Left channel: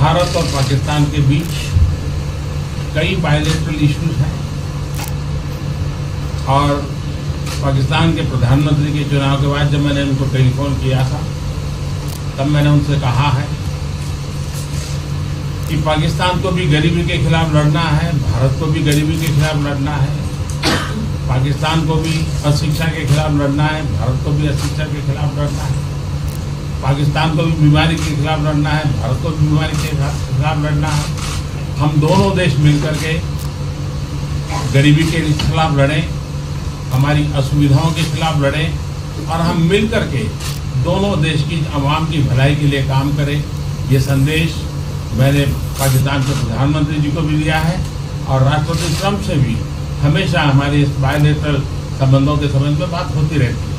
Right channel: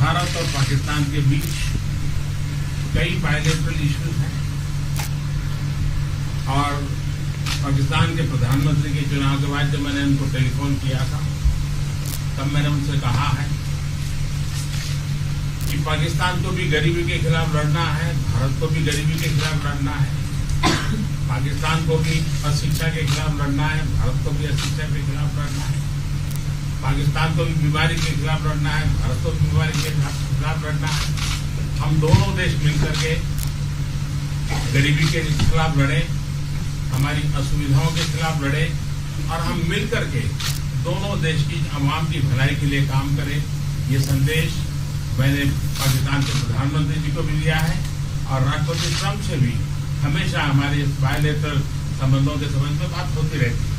भारत और पाकिस्तान के बीच कई बायलैटरल इश्यूज हैं और पाकिस्तान के प्रधानमंत्री के चुनाव के बाद जब मैंने उनको टेलीफोन किया था तब मैंने उनसे कहा है कि पाकिस्तान को भी गरीबी के खिलाफ लड़ना है, भारत को भी गरीबी के खिलाफ लड़ना है, पाकिस्तान को भी अशिक्षा के खिलाफ लड़ना है, भारत को भी अशिक्षा के खिलाफ लड़ना है, पाकिस्तान को भी बीमारी के खिलाफ लड़ना है, भारत को भी बीमारी के खिलाफ लड़ना है। हम दोनों देश मिलकर के गरीबी के खिलाफ लड़ें, हमारी असुविधाओं के खिलाफ लड़ें और हम मिलकर के दोनों देश की आवाम की भलाई के लिए काम करें। ये संदेश मैंने पाकिस्तान के प्रधानमंत्री जी को भी दिया है और राष्ट्रपति ट्रंप से भी हमेशा हमारे इस बायलैटरल संबंधों के संबंध में बात होती रहती है।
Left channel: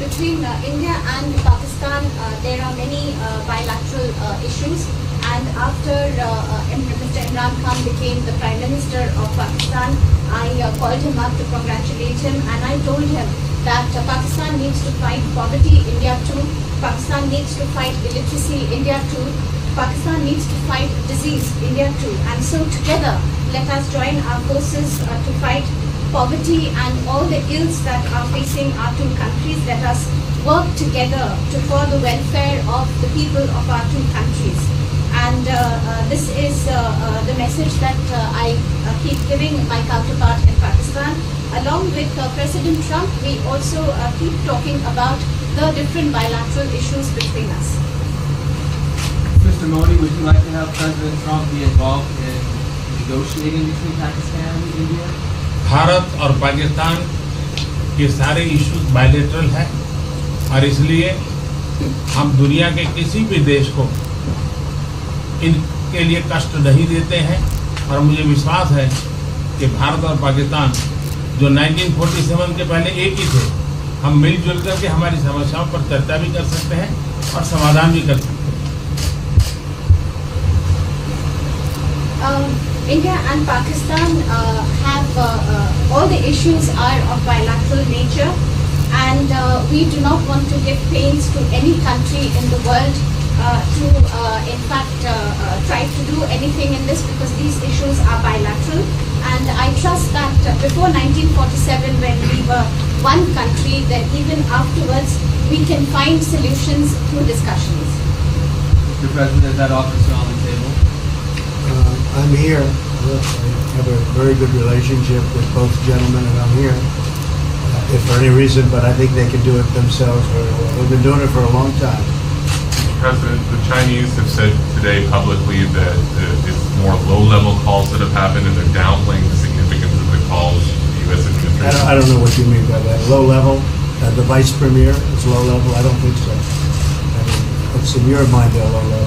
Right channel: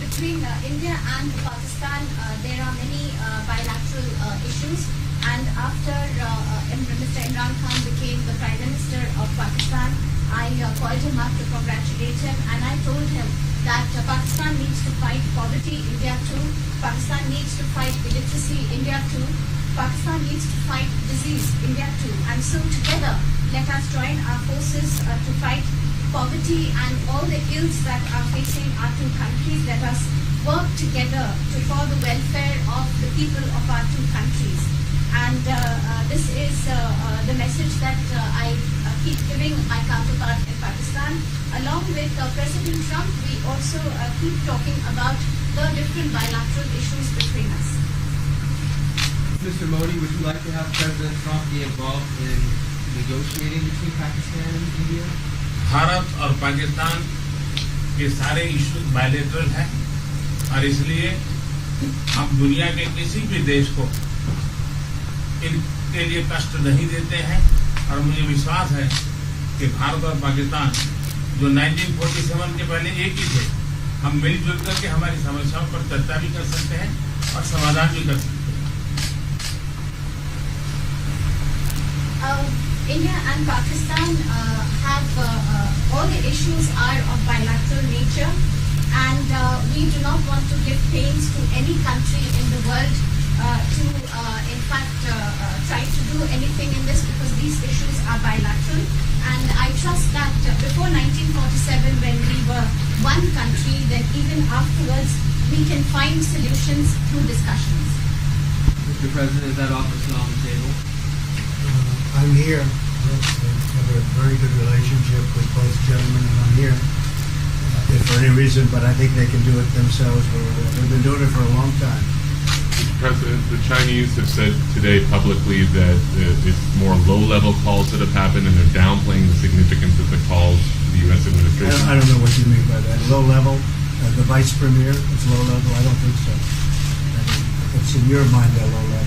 Between India and Pakistan, there are many bilateral issues. And after Mr. Imran Khan became the Prime Minister of Pakistan, I called him up to congratulate him, and I told him that Pakistan needs to fight poverty, India too. Pakistan needs to fight illiteracy, India too. Pakistan needs to fight disease, India too. And so together, let us join our forces to fight poverty and all the ills that are facing our two countries. Let us work together for the welfare of the people of our two countries. And this is the message that I keep giving my counterpart in Pakistan. Along with President Trump, we also keep talking about the different bilateral issues between us. Mr. Modi, would you like to have President Trump be involved in negotiating between Pakistan and India? Bharat और पाकिस्तान के सारे issues bilateral हैं और इसलिए हम दुनिया के किसी भी देश को इनके लिए कष्ट नहीं देते हैं और मुझे विश्वास है कि भारत और पाकिस्तान जो 1947 के पहले एक ही थे, हम मिलजुल करके हमारी समस्याओं पर चर्चा भी कर सकते हैं और समाधान भी कर सकते हैं। India and Pakistan have all the issues are of bilateral nature, and we do not want to give pains to any country in the world to in fact try to do anything in this, because these issues are bilateral. And I trust that before 1947, when we were one country, then even afterwards we can find solutions through discussions. Mr. President, is that offer on the table? I'm here. I have a very good relationship with both gentlemen, and I'm here if for any reason, but I think they can do it themselves very well. They've been doing it for a long time. President, the Chinese have said today publicly that it's more low-level calls that have happened, and they're downplaying the significance of the calls to the U.S. administration. I don't know what you mean by that. Low level? The vice premier is low level? I don't think so. What's in your mind, they're low level?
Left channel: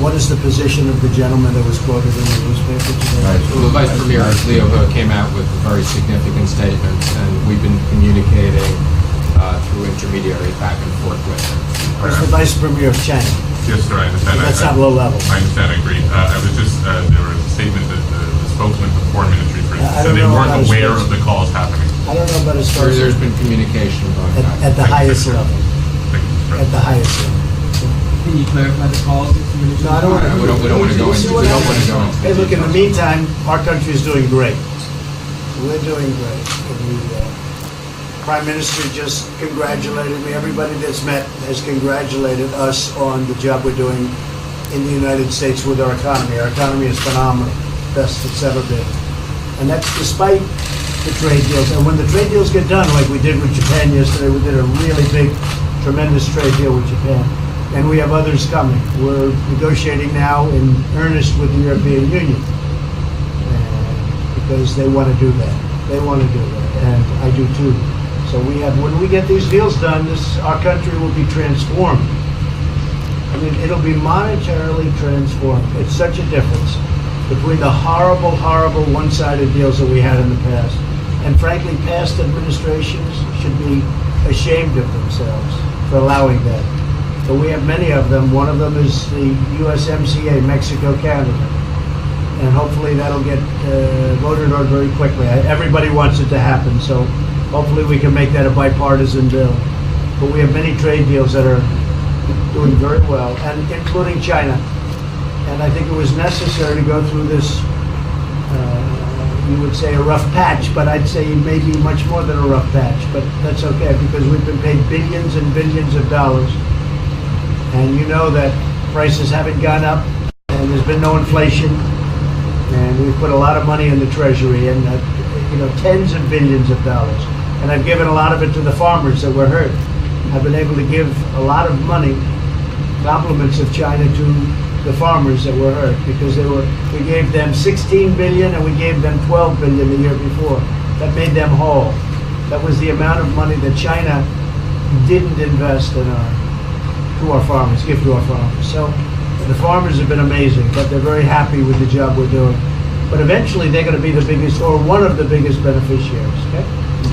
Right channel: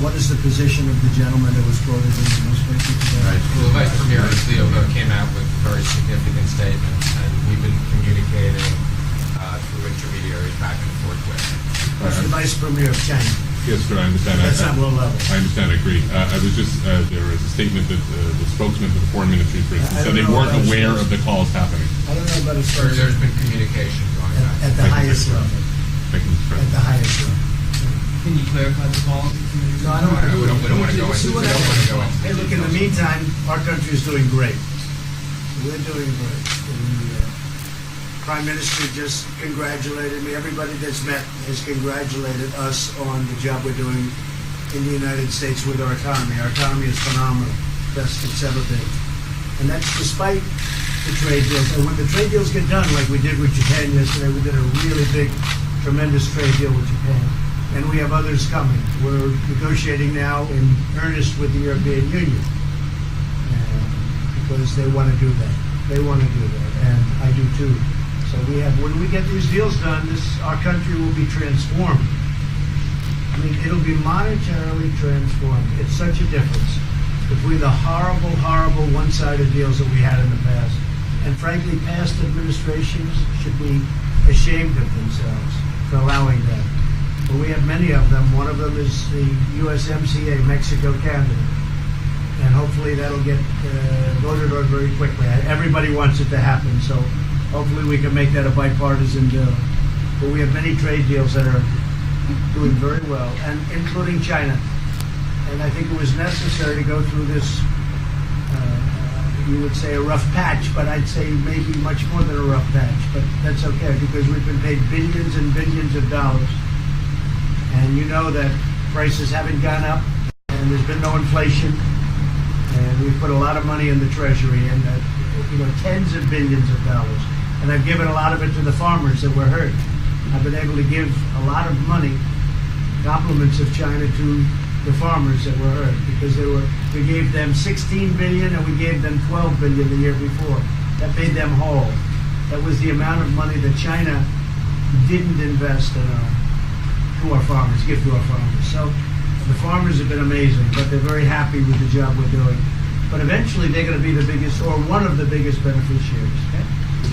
What is the position of the gentleman that was quoted in the newspaper today? Right. The Vice Premier, Leo, came out with very significant statements, and we've been communicating through intermediaries back and forth with him. That's the Vice Premier of China. Yes, sir, I understand. That's not low level. I understand, I agree. I was just, there was a statement that the spokesman for the Foreign Ministry, for instance, said they weren't aware of the calls happening. I don't know about his There's been communication about at the highest level. Thank you, Mr. At the President. highest level. Can you clarify the calls? No, I don't want to. We don't want to go into. We don't want to go into. Hey, look, in the meantime, our country is doing great. We're doing great. The Prime Minister just congratulated me. Everybody that's met has congratulated us on the job we're doing in the United States with our economy. Our economy is phenomenal, best it's ever been. And that's despite the trade deals. And when the trade deals get done, like we did with Japan yesterday, we did a really big, tremendous trade deal with Japan. And we have others coming. We're negotiating now in earnest with the European Union because they want to do that. They want to do that, and I do too. So we have, when we get these deals done, our country will be transformed. I mean, it'll be monetarily transformed. It's such a difference between the horrible, horrible one-sided deals that we had in the past. And frankly, past administrations should be ashamed of themselves for allowing that. But we have many of them. One of them is the USMCA, Mexico-Canada. And hopefully that'll get voted on very quickly. Everybody wants it to happen, so hopefully we can make that a bipartisan bill. But we have many trade deals that are doing very well, and including China. And I think it was necessary to go through this, you would say a rough patch, but I'd say maybe much more than a rough patch. But that's okay, because we've been paid billions and billions of dollars. And you know that prices haven't gone up, and there's been no inflation. And we've put a lot of money in the treasury, and tens of billions of dollars. And I've given a lot of it to the farmers that were hurt. I've been able to give a lot of money, compliments of China, to the farmers that were hurt, because we gave them 16 billion and we gave them 12 billion the year before. That made them whole. That was the amount of money that China didn't invest in our farmers, give to our farmers. So the farmers have been amazing, but they're very happy with the job we're doing. But eventually they're going to be the biggest, or one of the biggest beneficiaries. Okay?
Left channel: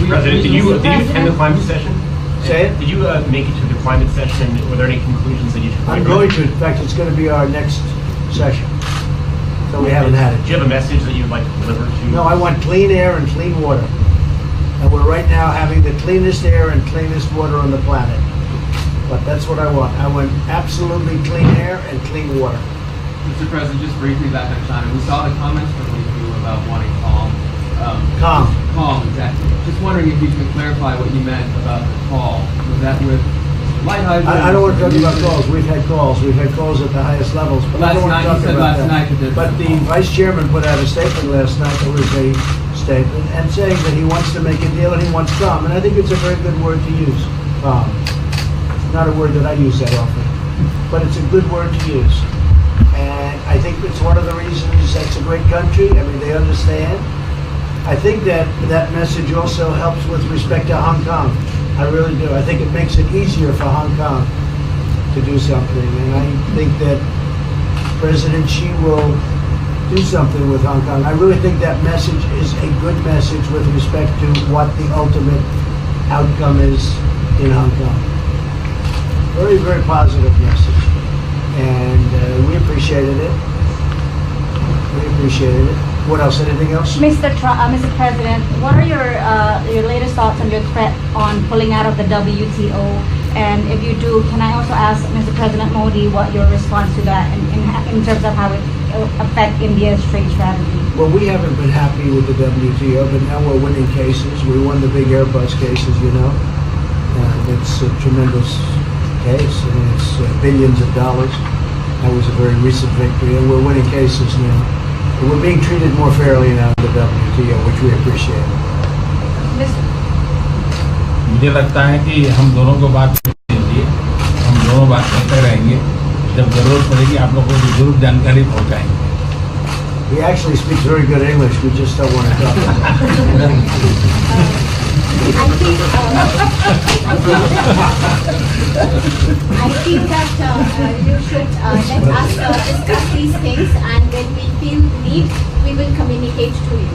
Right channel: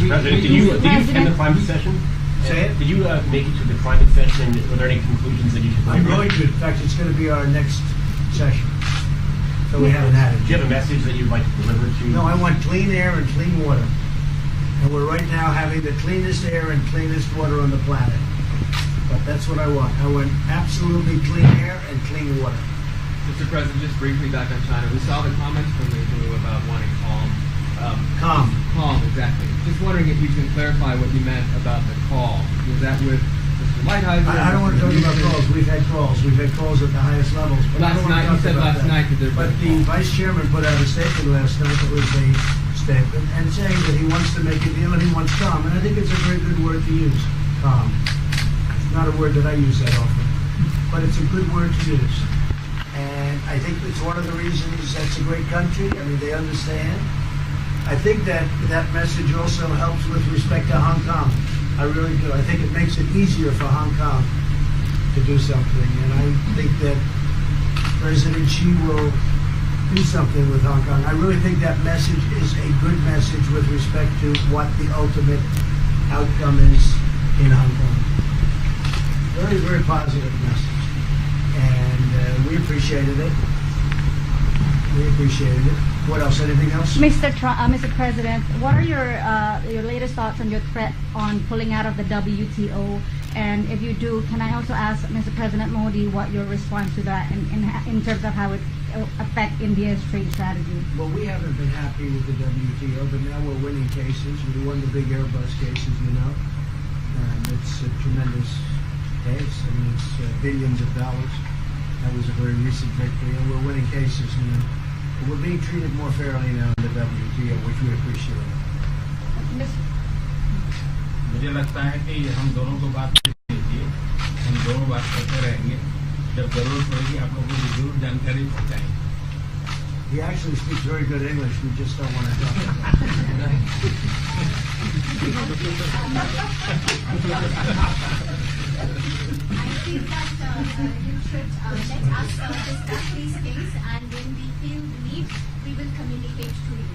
President, did you attend the climate session? Say it? Did you make it to the climate session, and were there any conclusions that you took? I'm going to. In fact, it's going to be our next session. So we haven't had it. Do you have a message that you would like to deliver to? No, I want clean air and clean water. And we're right now having the cleanest air and cleanest water on the planet. But that's what I want. I want absolutely clean air and clean water. Mr. President, just briefly back on China, we saw the comments from you about wanting calm. Calm, exactly. Just wondering if you can clarify what you meant about the call. Was that with Lighthizer? I don't want to talk about calls. We've had calls. We've had calls at the highest levels. But I don't want to talk about that. But the vice chairman put out a statement last night that was a statement and saying that he wants to make a deal and he wants calm. And I think it's a very good word to use. Calm. It's not a word that I use that often, but it's a good word to use. And I think it's one of the reasons that's a great country. I mean, they understand. I think that message also helps with respect to Hong Kong. I really do. I think it makes it easier for Hong Kong to do something. And I think that President Xi will do something with Hong Kong. I really think that message is a good message with respect to what the ultimate outcome is in Hong Kong. Very, very positive message. And we appreciated it. We appreciated it. What else? Anything else? Mr. President, what are your latest thoughts on your threat on pulling out of the WTO? And if you do, can I also ask Mr. President Modi what your response to that in terms of how it will affect India's trade strategy? Well, we haven't been happy with the WTO, but now we're winning cases. We won the big Airbus cases, you know. It's a tremendous case. I mean, it's billions of dollars. That was a very recent victory, and we're winning cases now. We're being treated more fairly now in the WTO, which we appreciate. मुझे लगता है कि हम दोनों को बात कीजिए, हम दोनों बात करते रहेंगे, जब जरूरत पड़ेगी आप लोगों को जरूर जानकारी पहुंचाएंगे. He actually speaks very good English. We just don't want to talk about it. I feel that you should let us discuss these things, and when we feel the need, we will communicate to you.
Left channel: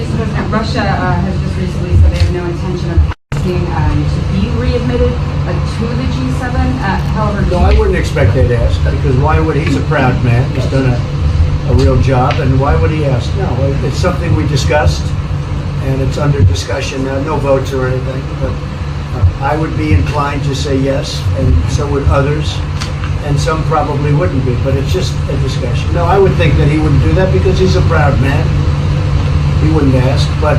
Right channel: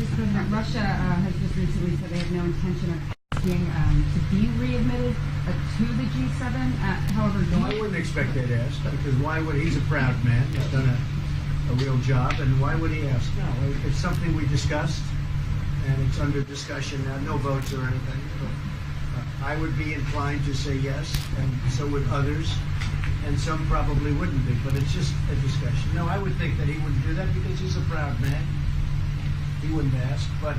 Mr. President, Russia has just recently said they have no intention of asking to be readmitted to the G7. However, No, I wouldn't expect that to ask, because why would he's a proud man. He's done a real job, and why would he ask? No, it's something we discussed, and it's under discussion now. No votes or anything, but I would be inclined to say yes, and so would others, and some probably wouldn't be, but it's just a discussion. No, I would think that he wouldn't do that because he's a proud man. He wouldn't ask, but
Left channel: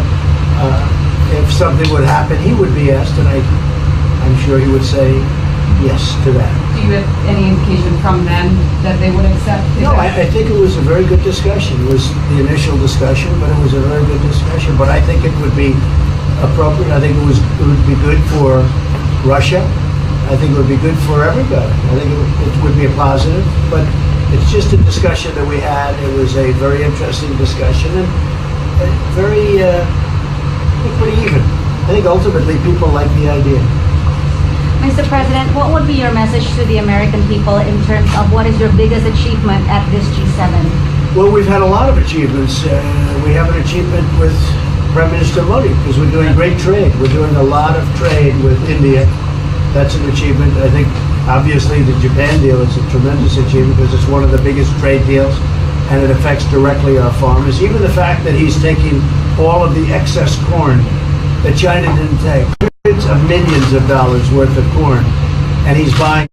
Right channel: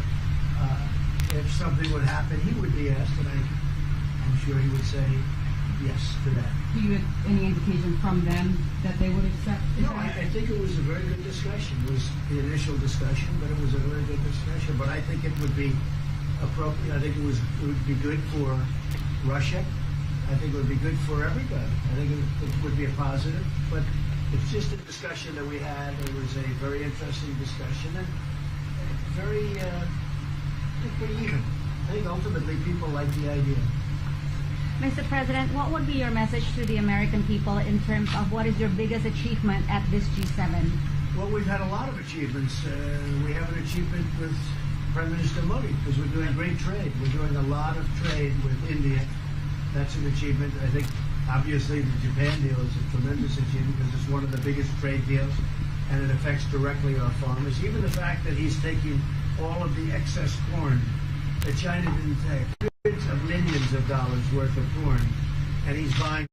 if something would happen, he would be asked, and I'm sure he would say yes to that. do you have any indication from them that they would accept? No, I think it was a very good discussion. It was the initial discussion, but it was a very good discussion. But I think it would be appropriate. I think it would be good for Russia. I think it would be good for everybody. I think it would be a positive. But it's just a discussion that we had. It was a very interesting discussion and very pretty even. I think ultimately people like the idea. Mr. President, what would be your message to the American people in terms of what is your biggest achievement at this G7? Well, we've had a lot of achievements. We have an achievement with Prime Minister Modi because we're doing great trade. We're doing a lot of trade with India. That's an achievement. I think obviously the Japan deal is a tremendous achievement because it's one of the biggest trade deals and it affects directly our farmers. Even the fact that he's taking all of the excess corn that China didn't take. hundreds of millions of dollars worth of corn, and he's buying